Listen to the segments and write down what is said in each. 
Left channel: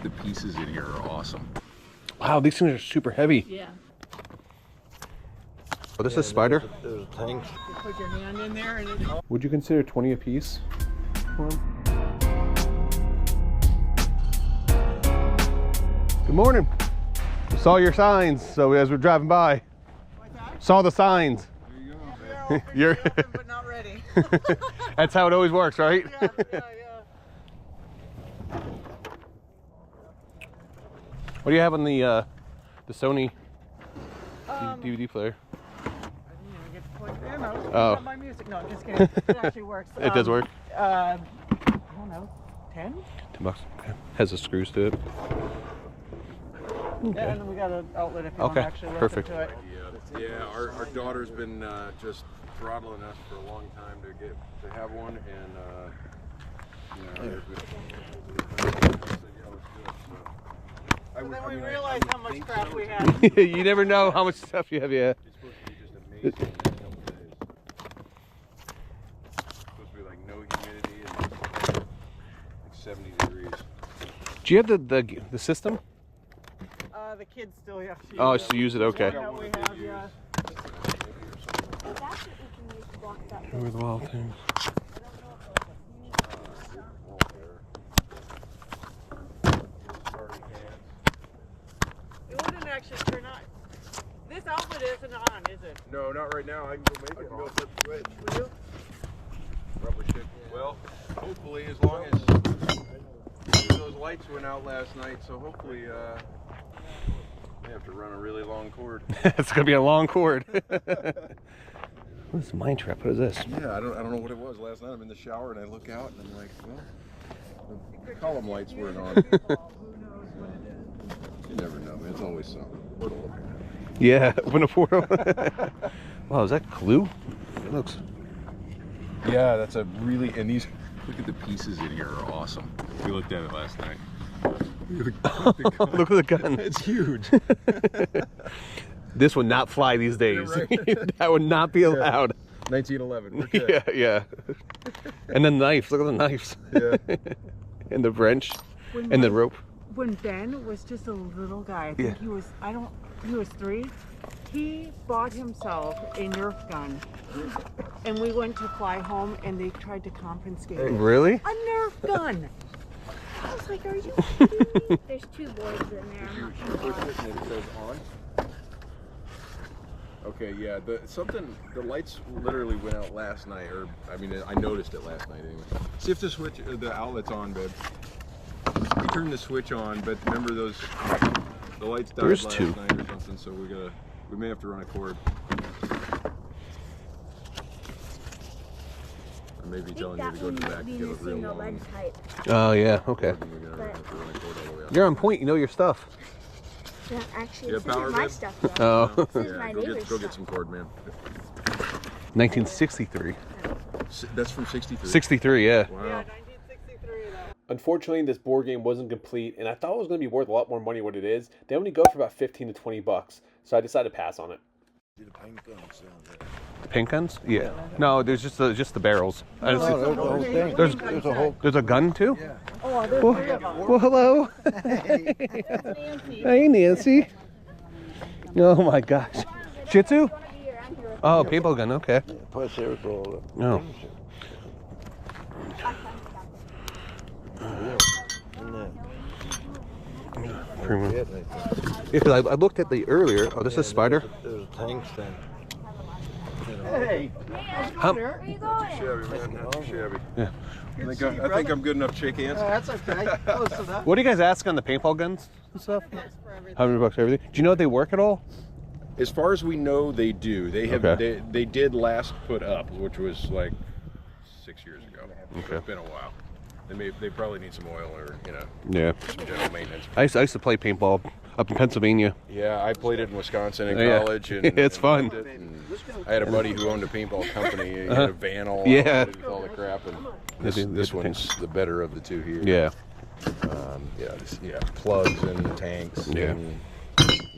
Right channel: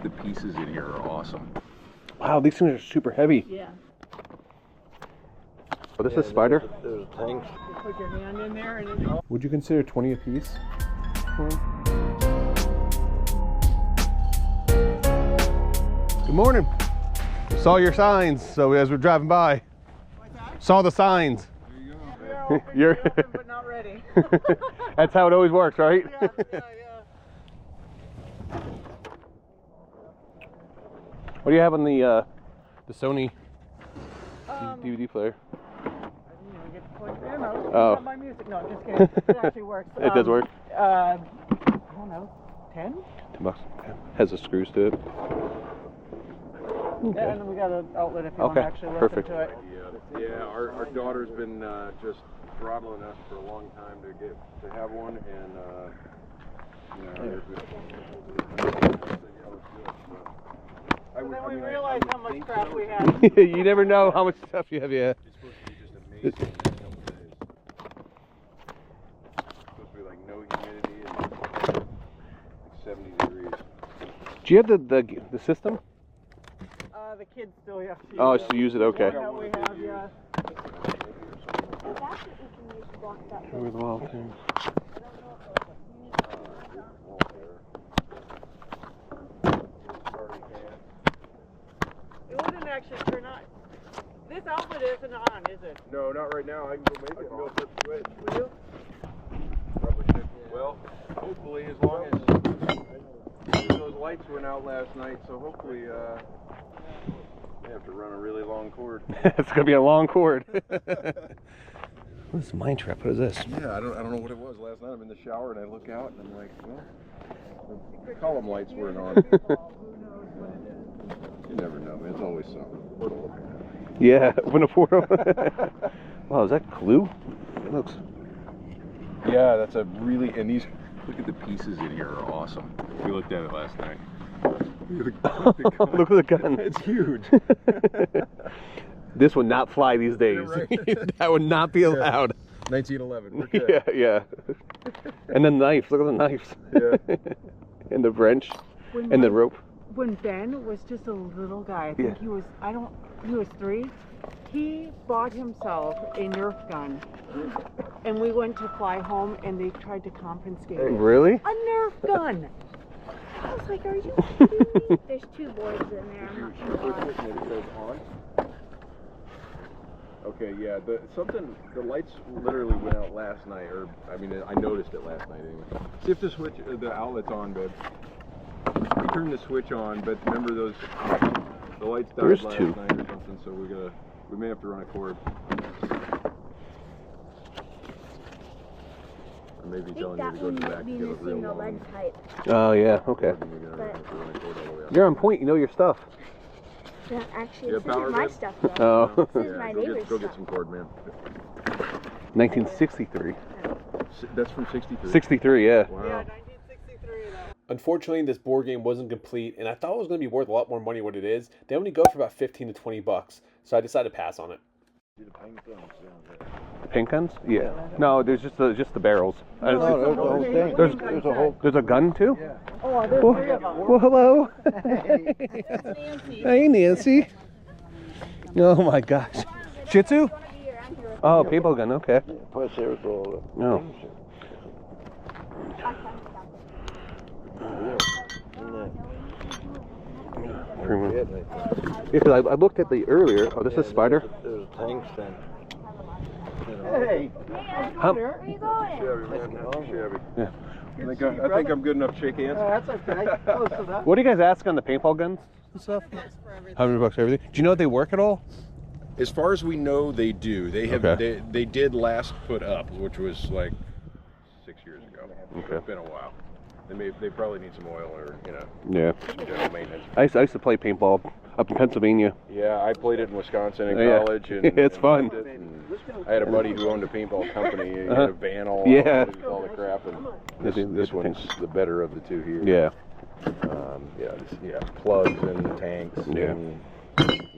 at the pieces in here are awesome. Wow, these things are super heavy. Yeah. Oh, this is spider? There's tanks. You put your hand in there and it's... Would you consider 20 a piece? Good morning. Saw your signs, so as we're driving by. What's that? Saw the signs. There you go. You're but not ready. That's how it always works, right? Yeah. What do you have on the Sony DVD player? I didn't even get to plug it in. I was Oh. on my music. No, just kidding. It actually works. It does work? I don't know. 10? $10. Okay. Has the screws to it. Okay. Yeah, and then we got an outlet if you want to actually listen Perfect. to it. Yeah, our daughter's been just throttling us for a long time to have one, and And then we realized how much crap we had. You never know how much stuff you have, yeah. It's supposed to be just amazing in the next couple of days. It's supposed to be like no humidity and like 70 degrees. Do you have the system? The kids still have to use Oh, it. just to use it, okay. Yeah, we have, yeah. With the wall thing. It wouldn't actually turn on. This outlet isn't on, is it? No, not right now. I can go make it. Go flip the switch. Will you? Probably should. Well, hopefully, as long as those lights went out last night, so hopefully, we have to run a really long cord. It's gonna be a long cord. What's the mine trap? What is this? Yeah, I don't know what it was last night. I'm in the shower and I look out and I'm like, well, the column lights weren't on. You never know, man. It's always something. Portal. Yeah, open a portal. Wow, is that glue? It looks. Yeah, that's a really, and these, look at the pieces in here are awesome. We looked at it last night. Look at the gun. It's huge. This would not fly these days. Yeah, right. That would not be allowed. 1911. Yeah, yeah. And the knife. Look at the knives. Yeah. And the wrench. And the rope. When Ben was just a little guy, I think he was, he was 3. He bought himself a Nerf gun. And we went to fly home and they tried to confiscate it. Really? A Nerf gun! I was like, are you kidding me? There's 2 boards in there. I'm not sure why. It says on. Okay, yeah, the lights literally went out last night, or, I mean, I noticed it last night anyway. See if the switch, the outlet's on, babe. We turned the switch on, but remember the lights died There's last 2. night or something, so we may have to run a cord. Or maybe I think telling you that to go one to the might back be and get a real missing the lead long. type. Oh, yeah, okay. You're on point, you know your stuff. Yeah, actually, Yeah, this power isn't my bid? stuff though. Oh. This is my neighbor's go get stuff. some cord, man. 1963. That's from 63. 63, yeah. Yeah, Wow. 1963 though. Unfortunately, this board game wasn't complete, and I thought it was going to be worth a lot more money than what it is. They only go for about 15 to 20 bucks, so I decided to pass on it. The paint guns? Yeah. No, there's just the barrels. I didn't see- No, the whole thing. There's a whole. There's a gun too? Yeah. Oh, there's Well, 3 of them. well, hello. That's Nancy. Hey, Nancy. Oh my gosh. Shih Tzu? Oh, paintball gun. Okay. Plus there's all the No. things. Yeah, 'cause I looked at the earlier. Oh, this is Spider. There's tanks then. Hey, How- Where are you going? Shabby, man. That's shabby. Yeah. I think I'm good enough to shake hands. that's okay. Oh, so that What do you guys ask on the paintball guns and stuff? for everything. $100 for everything. Do you know if they work at all? As far as we know, they do. They have. Okay. They did last put up, which was like 6 years ago. Okay. It's been a while. They probably need some oil or Yeah. some general maintenance. I used to play paintball up in Pennsylvania. Yeah, I played it in Wisconsin in Yeah. college. And, It's fun. loved it, and I had a buddy who owned a paintball company. He had a van all Yeah. loaded with all the crap. And this one's the better of the 2 here. Yeah. Yeah, plugs and tanks. Yeah. And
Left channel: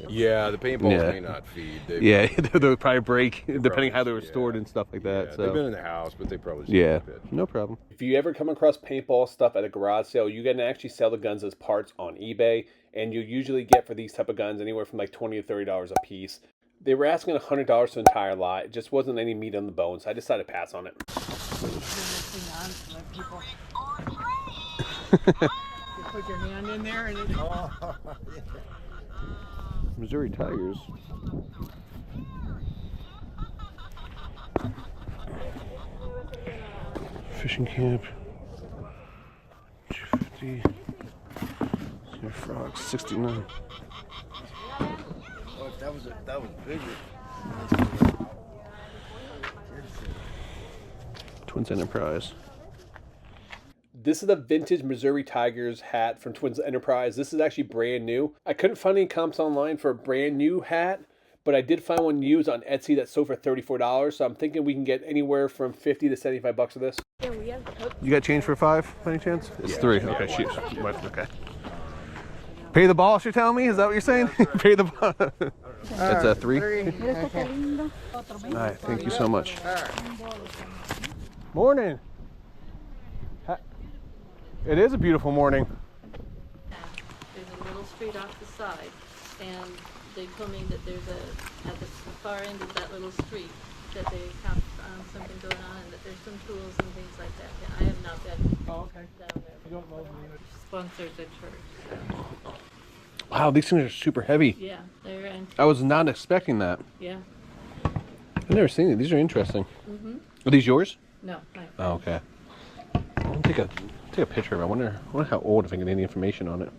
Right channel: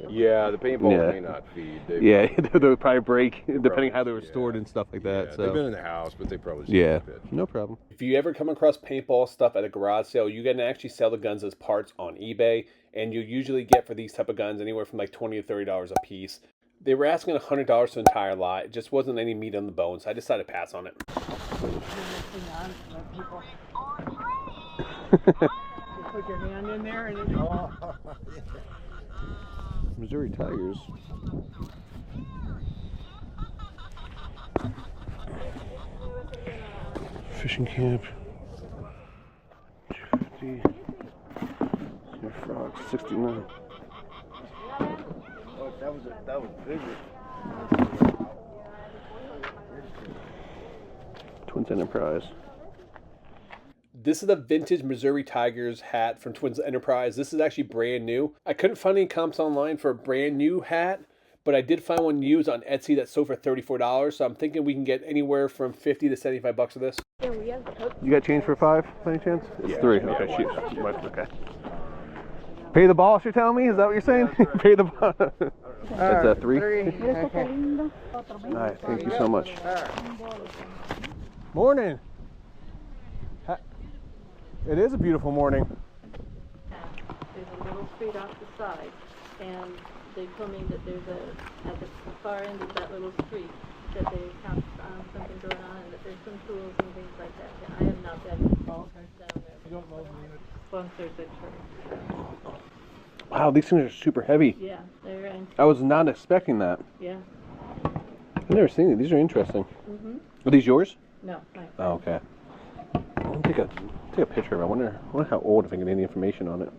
Yeah, the paintballs Yeah. may not feed. Yeah, they'll probably break depending probably- how they were stored and stuff like that. Yeah, So they've been in the house, but they probably still yeah, fit. no problem. If you ever come across paintball stuff at a garage sale, you can actually sell the guns as parts on eBay, and you usually get for these type of guns anywhere from like $20 to $30 a piece. They were asking $100 for the entire lot. It just wasn't any meat on the bone, so I decided to pass on it. You put your hand in there and it's Missouri Tigers. Fishing camp. 250. Snow frogs 69. That was bigger. Twins Enterprise. This is the vintage Missouri Tigers hat from Twins Enterprise. This is actually brand new. I couldn't find any comps online for a brand new hat, but I did find one used on Etsy that sold for $34. So I'm thinking we can get anywhere from $50 to $75 for this. Yeah, we have Coke. You got change for 5 by any chance? It's Yeah. 3. Yeah, Okay, one shoot. second. Okay. Pay the boss, you're telling me? Is that what you're saying? Pay the boss. That's a 3? okay. All right, thank you so much. Morning. It is a beautiful morning. There's a little street off the side, and they told me that there's at the far end of that little street, that they have something going on, and that there's some tools and things like that. And I have not been down there. You don't know sponsored the church. Wow, these things are super heavy. Yeah, they're in. I was not expecting that. Yeah. I've never seen it. These are interesting. Mhm. Are these yours? No. My Oh, okay. I'll take a picture of it. I wonder how old, if I can get any information on it.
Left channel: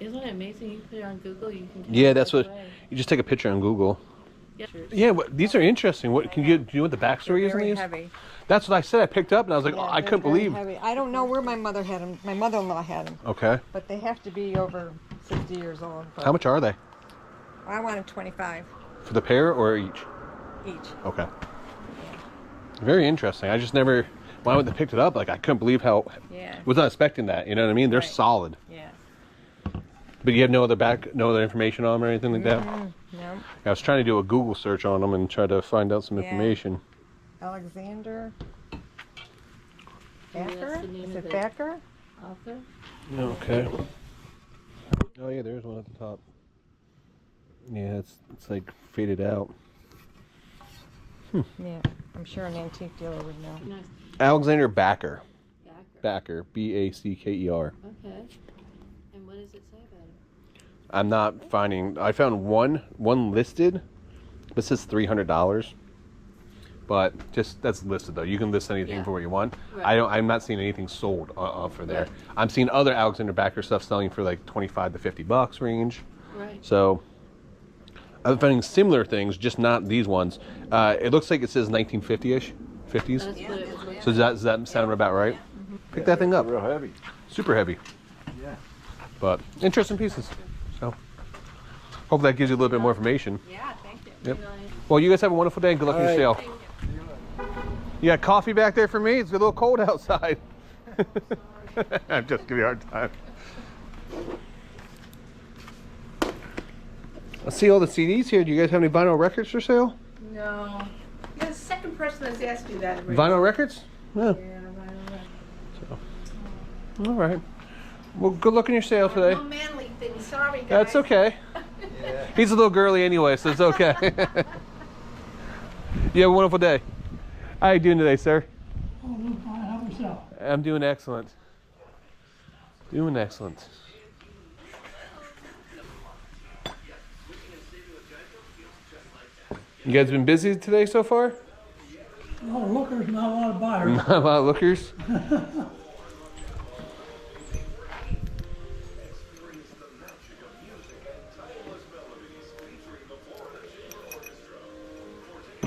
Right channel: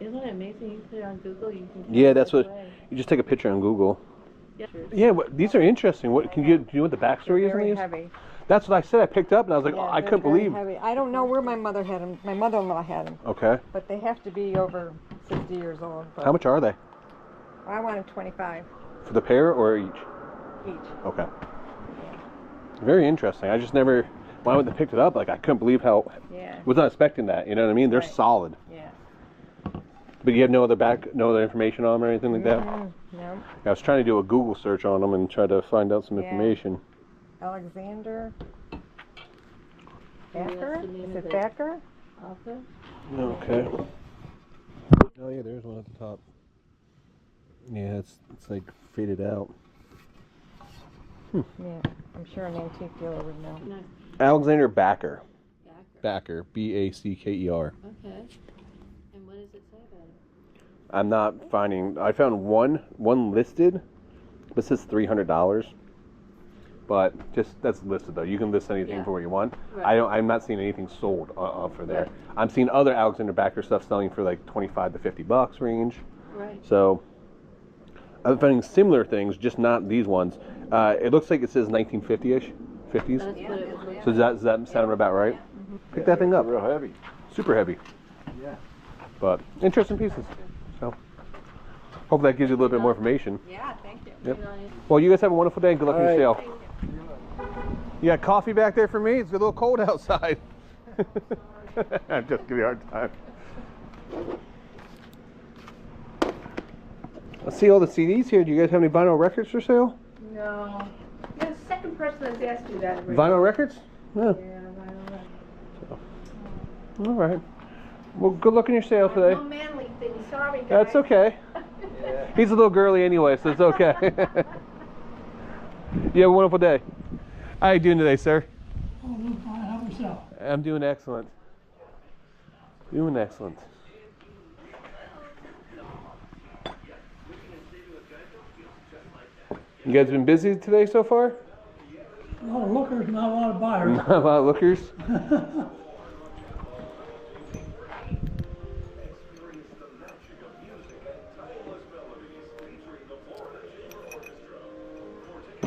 Isn't it amazing? You put it on Google, you can. Yeah, tell that's right what. away. You just take a picture on Google. Yeah. Yeah, these are interesting. What can you do? You know what the backstory is on Very these? heavy. That's what I said. I picked up and I was like, Yeah, oh, I they're couldn't very believe. heavy. I don't know where my mother had them. My mother-in-law had them, Okay. but they have to be over 60 years old. But How much are they? I wanted 25 For the pair or each? each. Okay. Very interesting. I just never. When I went and picked it up, like I couldn't believe how. Yeah. Was not expecting that. You know what I mean? They're Right. solid. Yeah. But you have no other information on them or anything like that. No. I was trying to do a Google search on them and try to find out some Yeah. information. Alexander Maybe that's Backer? the name Is of it the Backer? author. Okay. Oh yeah, there's one at the top. Yeah, it's like faded out. Yeah. I'm sure an antique dealer would know. Nice. Alexander Backer. Backer. Backer. Backer. Okay. And what does it say about it? I'm not finding. I found one listed, but it says $300. But just that's listed though. You can list anything Yeah. for what you want. Right. I'm not seeing anything sold for there. Right. I'm seeing other Alexander Backer stuff selling for like $25 to $50 range. Right. So I'm finding similar things, just not these ones. It looks like it says 1950-ish, 50s. That's what it was. So does that sound about right? Pick that thing up. Real heavy. Super heavy. Yeah. But interesting pieces. So hopefully that gives you a little bit more information. Yeah, thank you. Yep. Well, you guys have a wonderful day and good luck in your sale. You got coffee back there for me? It's a little cold outside. I'm just giving you a hard time. I see all the CDs here. Do you guys have any vinyl records for sale? No. You're the second person that's asked you that. already. Vinyl records? Yeah. Yeah, vinyl records. All right. Well, good luck in your sale today. No manly thing. Sorry, guys. That's okay. He's a little girly anyway, so it's okay. You have a wonderful day. How are you doing today, sir? Oh, doing fine. How yourself? I'm doing excellent. Doing excellent. You guys been busy today so far? A lot of lookers, not a lot of buyers. Not a lot of lookers.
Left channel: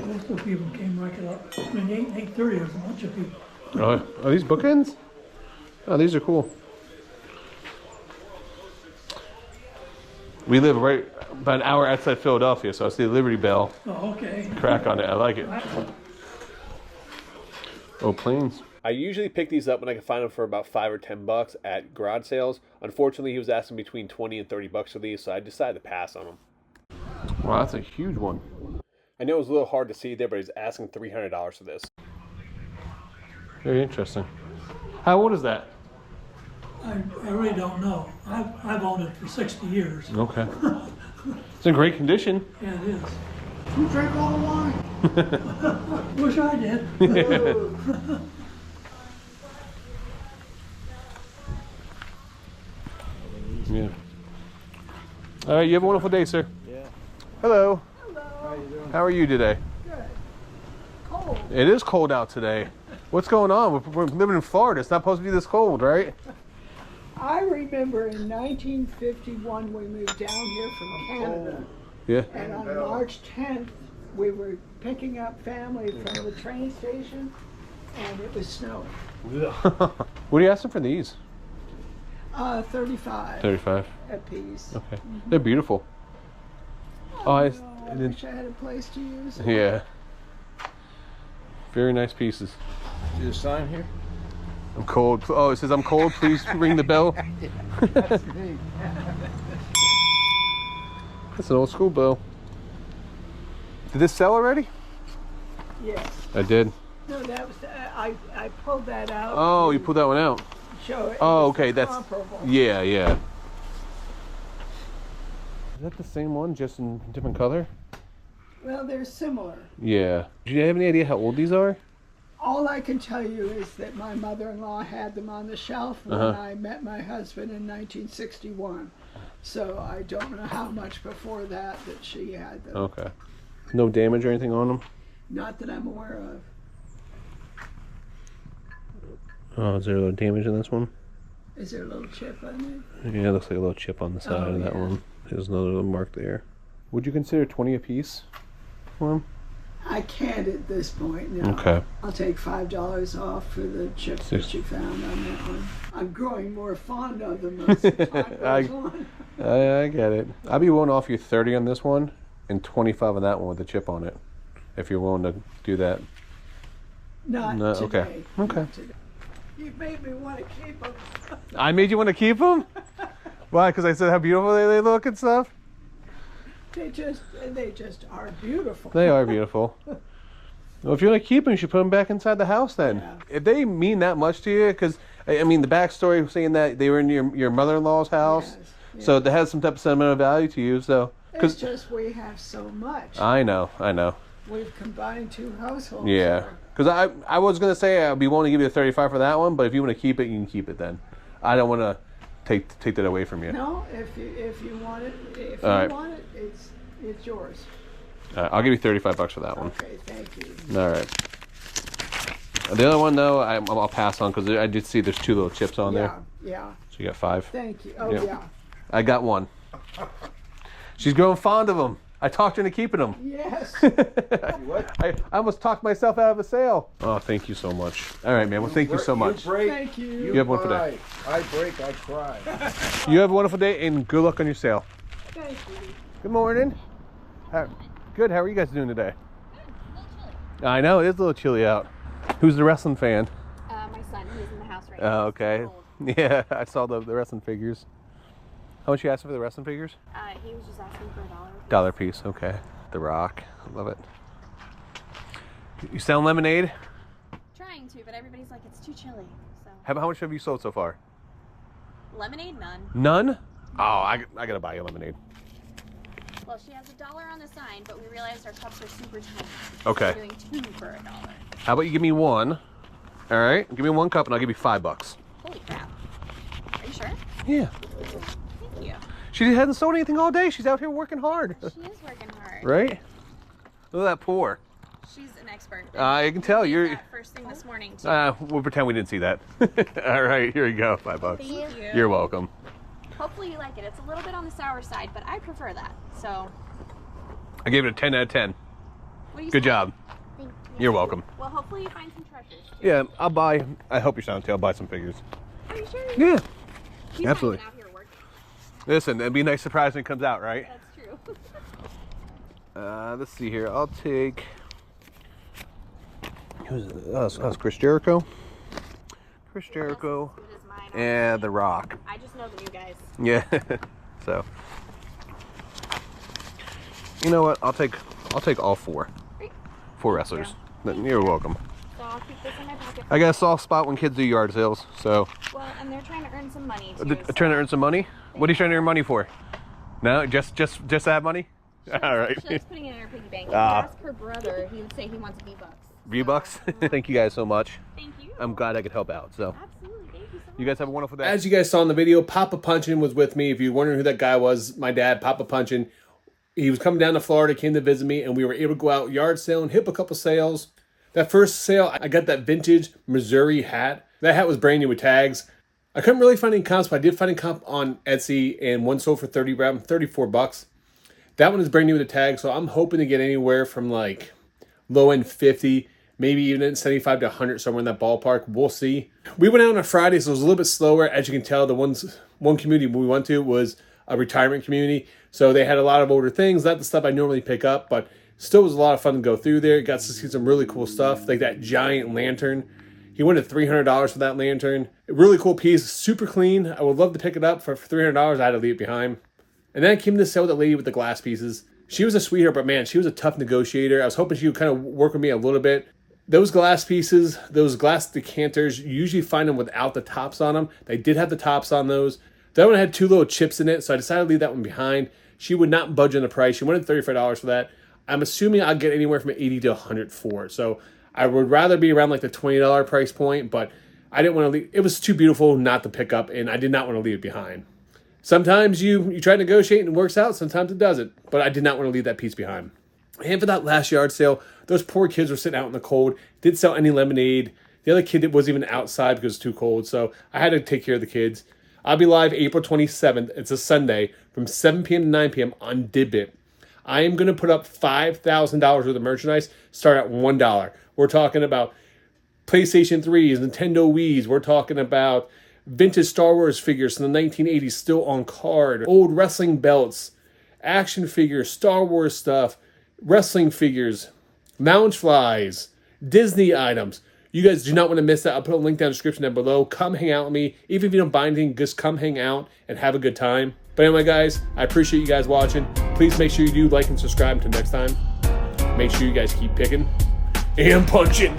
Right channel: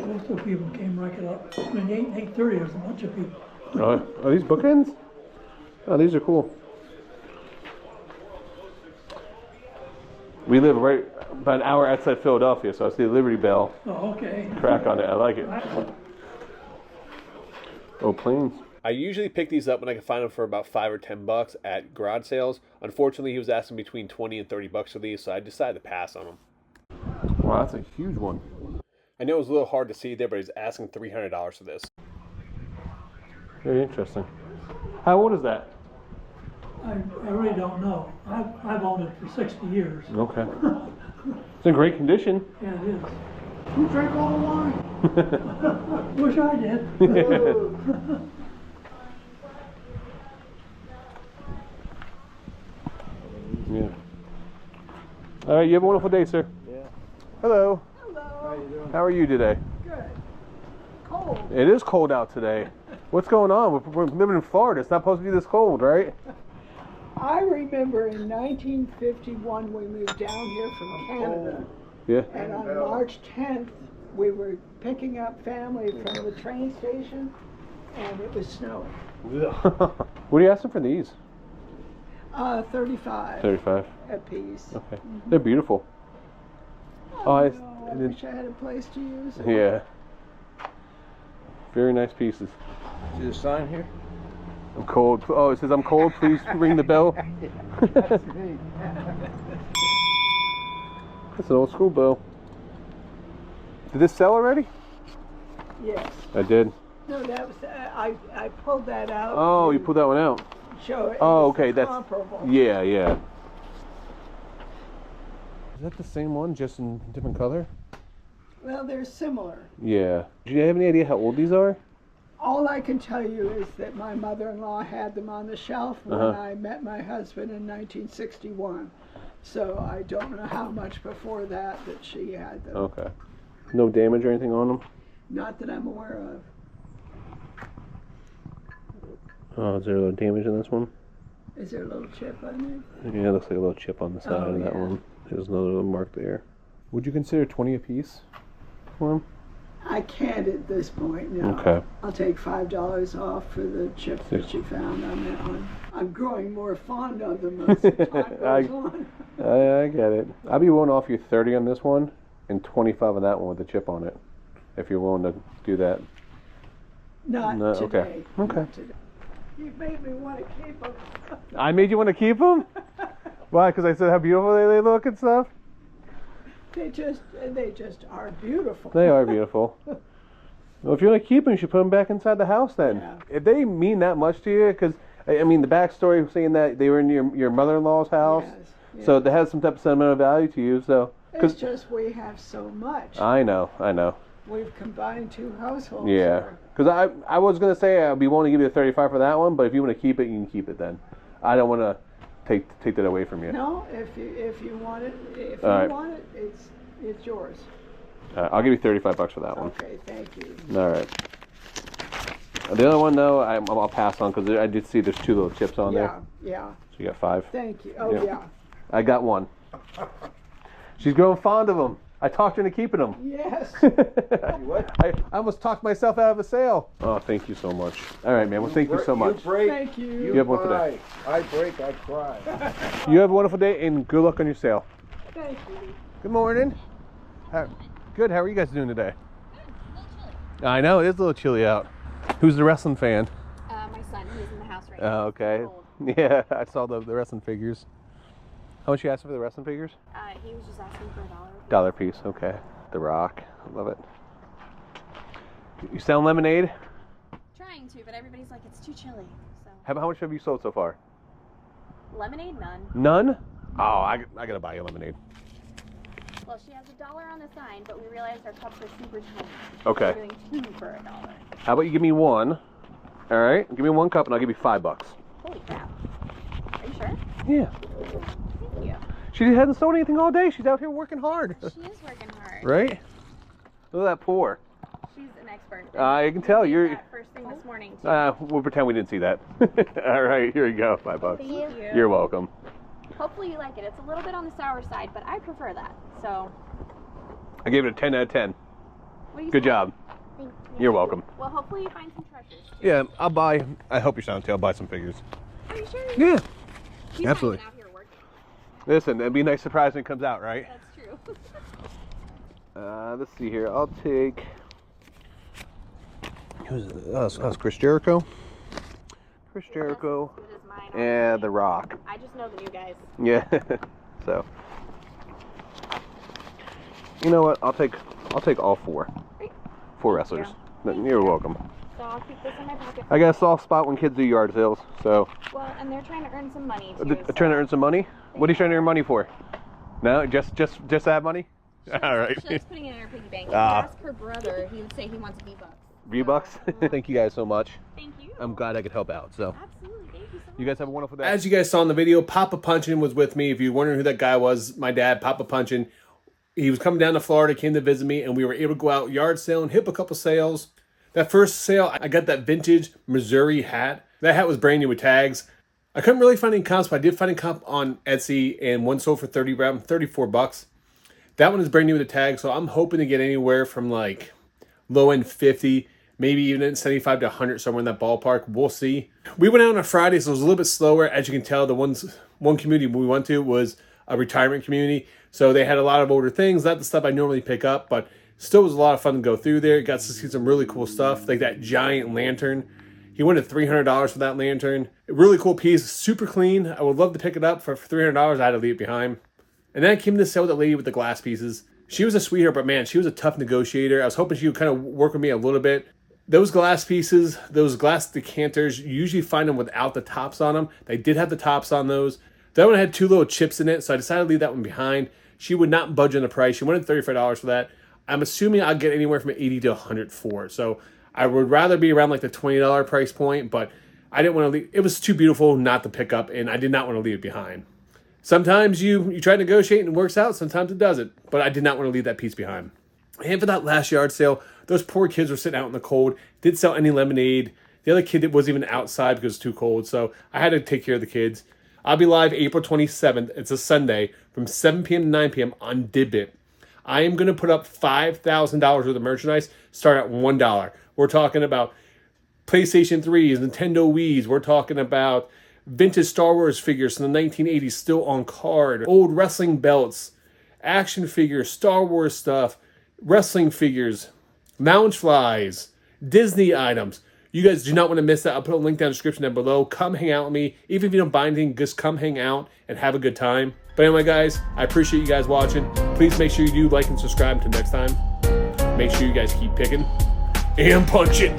Most of the people came right up. Between 8 and 8:30, there was a bunch of people. Oh, are these bookends? Oh, these are cool. We live right about an hour outside Philadelphia, so I see the Liberty Bell Oh, okay. crack on it. I like it. Oh, planes. I usually pick these up when I can find them for about $5 or $10 at garage sales. Unfortunately, he was asking between $20 and $30 for these, so I decided to pass on them. Wow, that's a huge one. I know it was a little hard to see there, but he's asking $300 for this. Very interesting. How old is that? I really don't know. I've owned it for 60 years. Okay. It's in great condition. Yeah, it is. Who drank all the wine? Wish I did. Yeah. All right, you have a wonderful day, sir. Yeah. Hello. Hello. How you doing? How are you today? Good. Cold. It is cold out today. What's going on? We're living in Florida. It's not supposed to be this cold, right? I remember in 1951 we moved down here from Canada. Yeah. And on March 10th, we were picking up family from the train station, and it was snowing. What are you asking for these? 35 $35. a piece. Okay. They're beautiful. Oh, I wish I had a place to use it. yeah. Very nice pieces. See the sign here? I'm cold. Oh, it says I'm cold. Please ring the bell. That's me. That's an old school bell. Did this sell already? Yes. I did. No, that was I pulled that out. Oh, you to pulled that one out. show it. Oh, was okay. That's comparable. yeah, yeah. Is that the same one, just in different color? Well, they're similar. Yeah. Do you have any idea how old these are? All I can tell you is that my mother-in-law had them on the shelf when I met my husband in 1961. So I don't know how much before that she had them. Okay. No damage or anything on them? Not that I'm aware of. Oh, is there a little damage in this one? Is there a little chip on it? Yeah, it looks like a little chip on the side of that yeah. one. There's another little mark there. Would you consider 20 a piece for them? I can't at this point, no. Okay. I'll take $5 off for the chips that you found on that one. I'm growing more fond of them as the time goes on. I get it. I'll be willing to offer you 30 on this one and 25 on that one with the chip on it, if you're willing to do that. Not No, today. okay. Okay. Not today. You made me want to keep them. I made you want to keep them? Why? Because I said how beautiful they look and stuff? They just are beautiful. They are beautiful. Well, if you want to keep them, you should put them back inside the house then. Yeah. If they mean that much to you, because, I mean, the backstory saying that they were in your mother-in-law's house, Yes, so yes. that has some type of sentimental value to you, so. It's just we have so much. I know. We've combined two households. Yeah. here. Because I was going to say I'd be willing to give you the 35 for that one, but if you want to keep it, you can keep it then. I don't want to take that away from you. No, if you want it, All right. want it, it's yours. I'll give you $35 for that one. Okay, thank you. All right. The other one, though, I'll pass on because I did see there's 2 little chips on there. Yeah. So you got 5. Thank you. Oh, Yeah. yeah. I got 1. She's growing fond of them. I talked her into keeping them. Yes. I almost talked myself out of a sale. Oh, thank you so much. All right, man. Well, thank you so much. You break, Thank you. You have a wonderful day. I break, I cry. You have a wonderful day and good luck on your sale. Thank you. Good morning. Good. How are you guys doing today? I know it is a little chilly out. Who's the wrestling fan? My son, he's in the house right Oh, okay. Yeah, I saw the wrestling figures. How much you asking for the wrestling figures? He was just asking for $1. $1 piece. Okay. The Rock. I love it. You selling lemonade? Trying to, but everybody's like, it's too chilly. So How much have you sold so far? lemonade, none. None? Oh, I gotta buy you lemonade. Well, she has $1 on the sign, but we realized our cups are super tiny. Okay. So we're doing 2 for $1. How about you give me 1? All right. Give me 1 cup and I'll give you $5. Holy crap! Are you sure? Yeah. Thank you. She hasn't sold anything all day. She's out here working hard. She is working hard. Right? Look at that pour. She's an expert. I can tell We did you're. that first thing this morning too. We'll pretend we didn't see that. All right, here you go. $5. Thank you. You're welcome. Hopefully you like it. It's a little bit on the sour side, but I prefer that. So. I gave it a 10 out of 10. What do you Good say? job. Thank you. You're welcome. Well, hopefully you find some treasures. Yeah, I'll buy. I hope you're sound too. I'll buy some figures. Are you sure? Yeah. He's Absolutely. Not even out here working. Listen, it'd be a nice surprise when it comes out, right? That's true. Let's see here. I'll take. Who's it? That's Chris Jericho. Chris Jericho, This is mine. and The Rock. I just know the new guys. Yeah. So, you know what? I'll take all four. Great. Four wrestlers. You're welcome. So I'll keep this in my pocket. I got a soft spot when kids do yard sales. So, Well, and they're trying to earn some money too. trying to earn some money. What are you trying to earn money for? No, just have money. All right. She's putting it in her piggy bank. If you Ah. ask her brother, he would say he wants V-Bucks. V-Bucks. Thank you guys so much. Thank you. I'm glad I could help out. So. Absolutely. Thank you so much. You guys have a wonderful day. As you guys saw in the video, Papa Punchin was with me. If you're wondering who that guy was, my dad, Papa Punchin. He was coming down to Florida, came to visit me, and we were able to go out yard selling, hit a couple sales. That first sale, I got that vintage Missouri hat. That hat was brand new with tags. I couldn't really find any comps, but I did find a comp on Etsy, and one sold for $34. That one is brand new with the tag, so I'm hoping to get anywhere from like low end 50, maybe even 75 to 100, somewhere in that ballpark. We'll see. We went out on a Friday, so it was a little bit slower. As you can tell, the one community we went to was a retirement community, so they had a lot of older things, not the stuff I normally pick up, but still was a lot of fun to go through there. Got to see some really cool stuff, like that giant lantern. He went at $300 for that lantern. A really cool piece, super clean. I would love to pick it up for $300. I had to leave it behind. And then I came to sell with that lady with the glass pieces. She was a sweetheart, but man, she was a tough negotiator. I was hoping she would kind of work with me a little bit. Those glass pieces, those glass decanters, you usually find them without the tops on them. They did have the tops on those. That one had two little chips in it, so I decided to leave that one behind. She would not budge on the price. She wanted $35 for that. I'm assuming I'll get anywhere from $80 to $100 for it. So I would rather be around like the $20 price point, but I didn't want to leave. It was too beautiful not to pick up, and I did not want to leave it behind. Sometimes you try to negotiate and it works out. Sometimes it doesn't. But I did not want to leave that piece behind. And for that last yard sale, those poor kids were sitting out in the cold. Didn't sell any lemonade. The other kid wasn't even outside because it was too cold. So I had to take care of the kids. I'll be live April 27th. It's a Sunday from 7 p.m. to 9 p.m. on Didbit. I am going to put up $5,000 worth of merchandise. Start at $1. We're talking about PlayStation 3s, Nintendo Wii's. We're talking about vintage Star Wars figures from the 1980s still on card, old wrestling belts, action figures, Star Wars stuff, wrestling figures, lounge flies, Disney items. You guys do not want to miss that. I'll put a link down in the description down below. Come hang out with me. Even if you don't buy anything, just come hang out and have a good time. But anyway, guys, I appreciate you guys watching. Please make sure you do like and subscribe. Until next time, make sure you guys keep picking and punching.